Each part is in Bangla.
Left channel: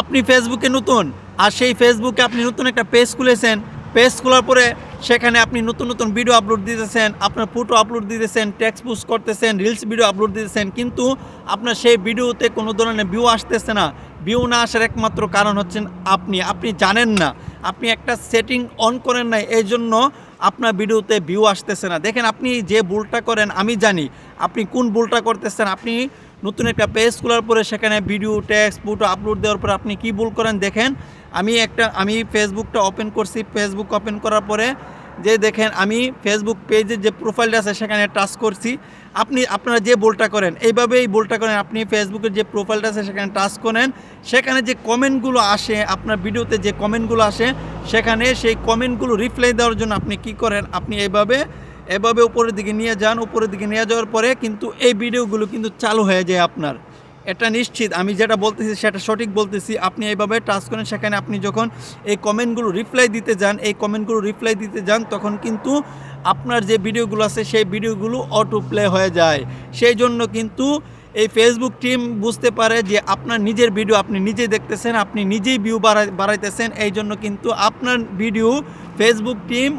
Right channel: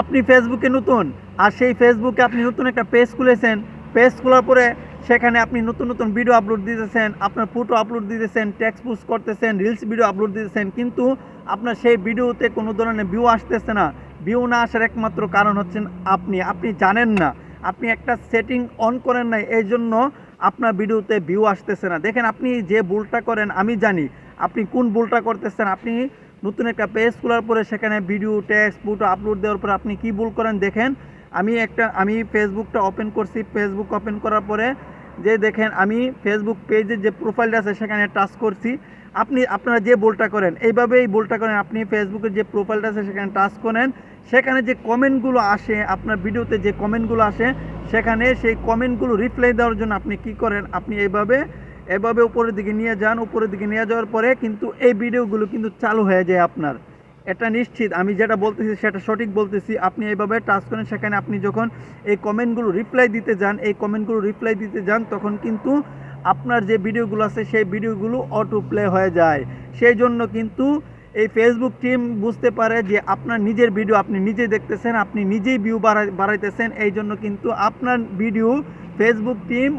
আপনি ফেসবুকে নতুন, আর সেই ফেসবুকে আপনি নতুন একটা পেজ খুলেছেন। পেজ খোলার পরে সেখানে আপনি নতুন নতুন ভিডিও আপলোড দিতেছেন, আপনার ফটো আপলোড দিতেছেন, টেক্সট পোস্ট করতেছেন, রিলস ভিডিও আপলোড দিতেছেন, কিন্তু আপনার সেই ভিডিওতে কোনো ধরনের ভিউ আসতেছে না। ভিউ না আসার একমাত্র কারণ হচ্ছেন আপনি জানেন না, আপনি একটা সেটিং অন করেন নাই, এই জন্য আপনার ভিডিওতে ভিউ আসতেছে না। দেখেন, আপনি যে ভুলটা করেন আমি জানি আপনি কোন ভুলটা করতেছেন। আপনি নতুন একটা পেজ খোলার পরে সেখানে ভিডিও টেক্সট ফটো আপলোড দেওয়ার পরে আপনি কী ভুল করেন দেখেন। আমি ফেসবুকটা ওপেন করছি। ফেসবুক ওপেন করার পরে যে দেখেন, আমি ফেসবুক পেজের যে প্রোফাইলটা আছে সেখানে টাচ করছি। আপনারা যে ভুলটা করেন এইভাবেই ভুলটা করেন। আপনি ফেসবুকের যে প্রোফাইলটা আছে সেখানে টাচ করেন, সেখানে যে কমেন্টগুলো আসে, আপনার ভিডিওতে যে কমেন্টগুলো আসে, সেখানে সেই কমেন্টগুলো রিপ্লাই দেওয়ার জন্য আপনি কি করেন, আপনি এভাবে উপরের দিকে নিয়ে যান। উপরের দিকে নিয়ে যাওয়ার পরে কিন্তু এই ভিডিওগুলো কিন্তু চালু হয়ে যায় আপনার। এটা নিশ্চিত, আমি যেটা বলতেছি সেটা সঠিক বলতেছি। আপনি এইভাবে টাচ করেন, সেখানে আপনি যখন এই কমেন্টগুলো রিপ্লাই দিতে যান তখন কিন্তু আপনার যে ভিডিওগুলো আছে সেই ভিডিওগুলো অটো প্লে হয়ে যায়। সেই জন্য কিন্তু এই ফেসবুক টিম বুঝতে পারে যে আপনার নিজের ভিডিও আপনি নিজেই দেখতেছেন, আপনি নিজেই ভিউ বাড়াইতেছেন। এই জন্য কিন্তু আপনার ভিডিও ফেসবুক টিম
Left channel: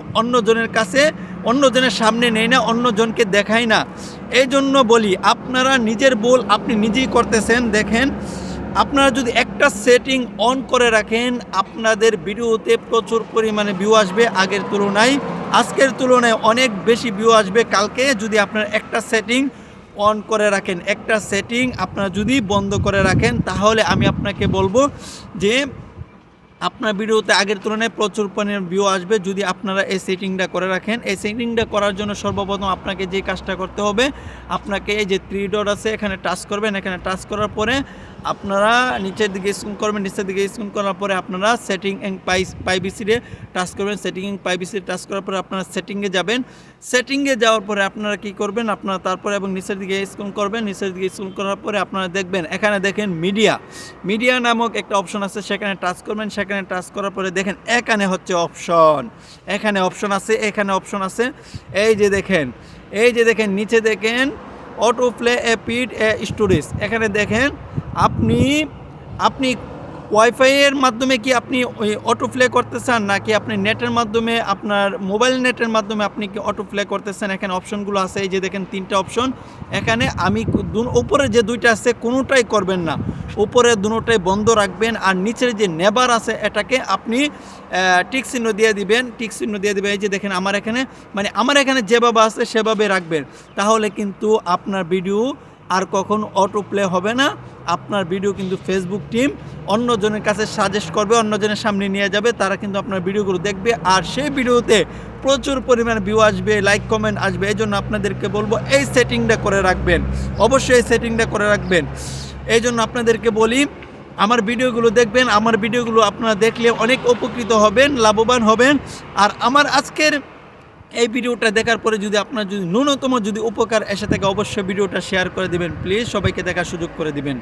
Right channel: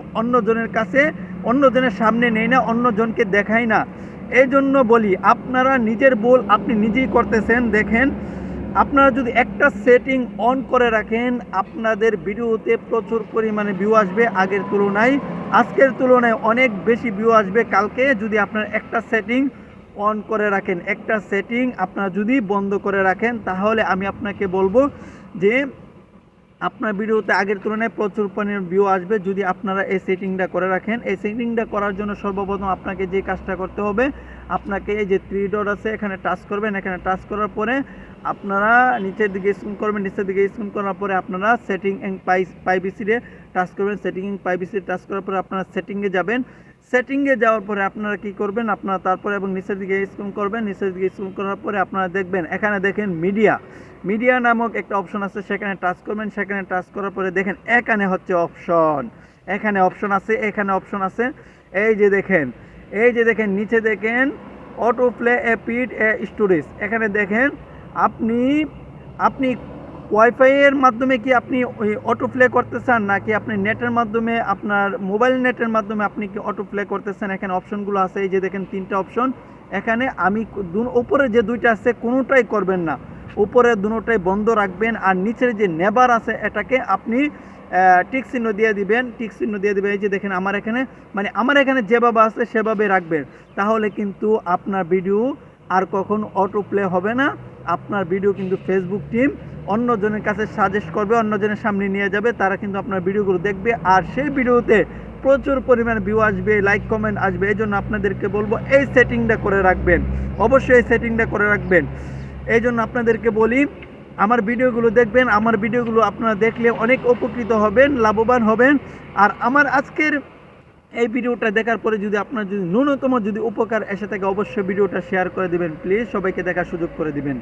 অন্যজনের সামনে নেয় না, অন্যজনকে দেখায় না। এই জন্য বলি, আপনারা নিজের ভুল আপনি নিজেই করতেছেন। দেখেন, আপনারা যদি একটা সেটিং অন করে রাখেন, আপনাদের ভিডিওতে প্রচুর পরিমাণে ভিউ আসবে। আজকের তুলনায় অনেক বেশি ভিউ আসবে কালকে, যদি আপনারা একটা সেটিং অন করে রাখেন। একটা সেটিং আপনারা যদি বন্ধ করে রাখেন, তাহলে আমি আপনাকে বলবো যে আপনার ভিডিওতে আগের তুলনায় প্রচুর পরিমাণে ভিউ আসবে, যদি আপনারা এই সেটিংটা করে রাখেন। এই সেটিংটা করার জন্য সর্বপ্রথম আপনাকে যে কাজটা করতে হবে, আপনাকে এই যে 3 ডট আছে এখানে টাচ করবেন। এখানে টাচ করার পরে আপনারা নিচের দিকে স্ক্রল করবেন। নিচের দিকে স্ক্রল করার পরে আপনারা সেটিং অ্যান্ড প্রাইভেসিতে টাচ করবেন। সেটিং অ্যান্ড প্রাইভেসিতে টাচ করার পরে আপনারা সেটিংয়ে যাবেন। সেটিংয়ে যাওয়ার পরে আপনারা কি করবেন, আপনারা তারপরে এবং নিচের দিকে স্ক্রল করবেন। নিচের দিকে স্ক্রল করার পরে আপনারা দেখবেন, এখানে দেখেন মিডিয়া নামক একটা অপশন আছে, সেখানে টাচ করবেন। সেখানে টাচ করার পরে দেখেন এখানে হচ্ছে অপশন, এখানে অপশন আছে। এই যে দেখেন নিচে দেখেন অটো প্লে এপিড স্টোরেজ। এখানে দেখেন আপনি ওয়াইফাইয়ের মাধ্যমে কি আপনি ওই অটো প্লে করতে চান, নাকি আপনি নেটের মাধ্যমে, আপনার মোবাইল নেটের মাধ্যমে আপনি কি অটো প্লে করতেছেন। এখানে অপশনগুলো আছে, এই যে দেখেন 3টা অপশন। এখানে উপরে যে 2টা আছে কোনোটাই করবেন না, উপরে দুটোটাই বন্ধ রাখবেন। আর নিচের যে নেবার আছে এটাকে আপনি টিক চিহ্ন দিয়ে দিবেন। এই যে দেখেন আমার এখানে যেভাবে আছে সেভাবে রাখবেন। তাহলে কিন্তু আপনার ভিডিও আর কখন অটো প্লে হবে না। আপনার ভিডিও কিন্তু ফেসবুক টিম অন্যজনের কাছে সাজেস্ট করবে, অন্যজনের সামনে নিয়ে যাবে, তারা কিন্তু আপনার ভিডিওগুলো দেখবে, আর সেই ভিডিওতে প্রচুর পরিমাণ ভিউ আসবে, লাইক কমেন্ট আসবে। এই জন্য আপনাদেরকে বলবো এই সেটিংটা করে রাখবেন, অবশ্যই এই সেটিংটা করে রাখবেন। এই জন্য আপনাদেরকে বলি, আমার ভিডিওগুলো দেখবেন। আমার ভিডিওগুলো আপনারা দেখলে অনেক উপকৃত হবেন, লাভবান হবেন। আর আমার আজকের এই ভিডিওটা দেখার পরে যদি আপনার ন্যূনতম উপকার এসে থাকে, অবশ্যই ভিডিওটা শেয়ার করে দিবেন। প্লিজ সবাইকে দেখার সুযোগ করে দিবেন।